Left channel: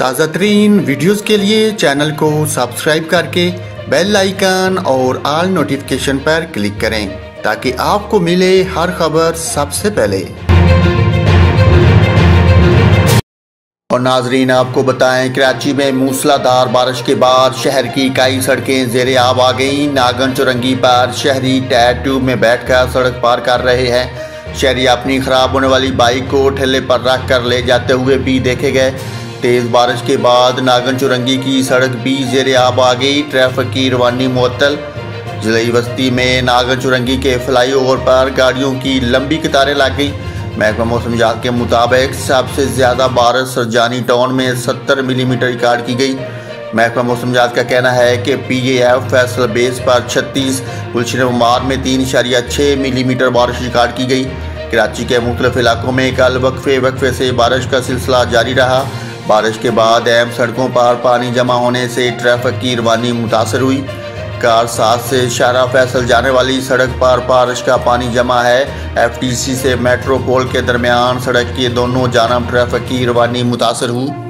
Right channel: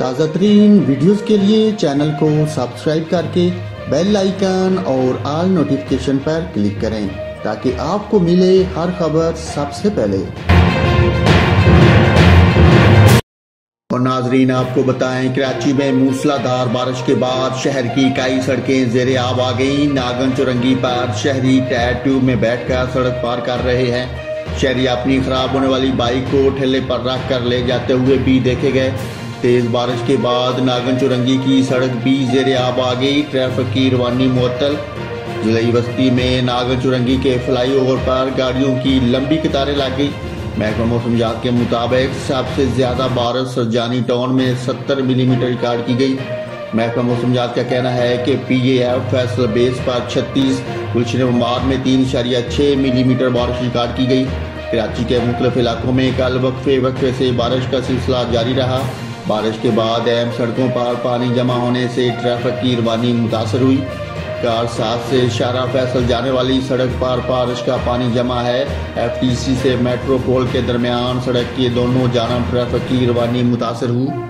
ताज़ा तरीन वीडियोज़ के लिए चैनल को सब्सक्राइब करके बेल आइकन और ऑल नोटिफिकेशन पर क्लिक करें ताकि आपको मिले हर खबर सबसे पहले। और नाजरीन, आपको बताएं, कराची में मूसलाधार बारिश के बाद शहर की कई सड़कें ज़ेरे आब आ गईं। नागन चुरंगी पर शहरी टायर ट्यूब में बैठकर सड़क पार कर रहे हैं। शहरी अपनी खराब होने वाली बाइक को ठेले पर रख कर ले जाते हुए भी देखे गए। तेज़ बारिश के बाद नागन चुरंगी की सड़क भी ज़ेरे आब आ गई। ट्रैफिक की रवानी मुअत्तल। जिले बस्ती में नागन चुरंगी के फ्लाईओवर पर गाड़ियों की लंबी कतारें लग गई। महकमा मौसमियात के मुताबिक सबसे ज़्यादा बारिश सरजानी टाउन में 70 मिलीमीटर रिकॉर्ड की गई। महकमा मौसमियात का कहना है कि PAF फैसल बेस पर 36, गुलशन उमार में 3.6 मिलीमीटर बारिश रिकॉर्ड की गई। कराची के मुख्तलिफ इलाकों में कल वक्फे से बारिश का सिलसिला जारी रहा। बारिश के बाद अहम सड़कों पर पानी जमा होने से ट्रैफिक की रवानी मुतासर हुई। कार 7 से शारा फैसल जाने वाली सड़क पर बारिश का पानी जमा है। FTC से मेट्रोपोल के दरमियान सड़क के दोनों जानब ट्रैफिक की रवानी मुतासर हुई।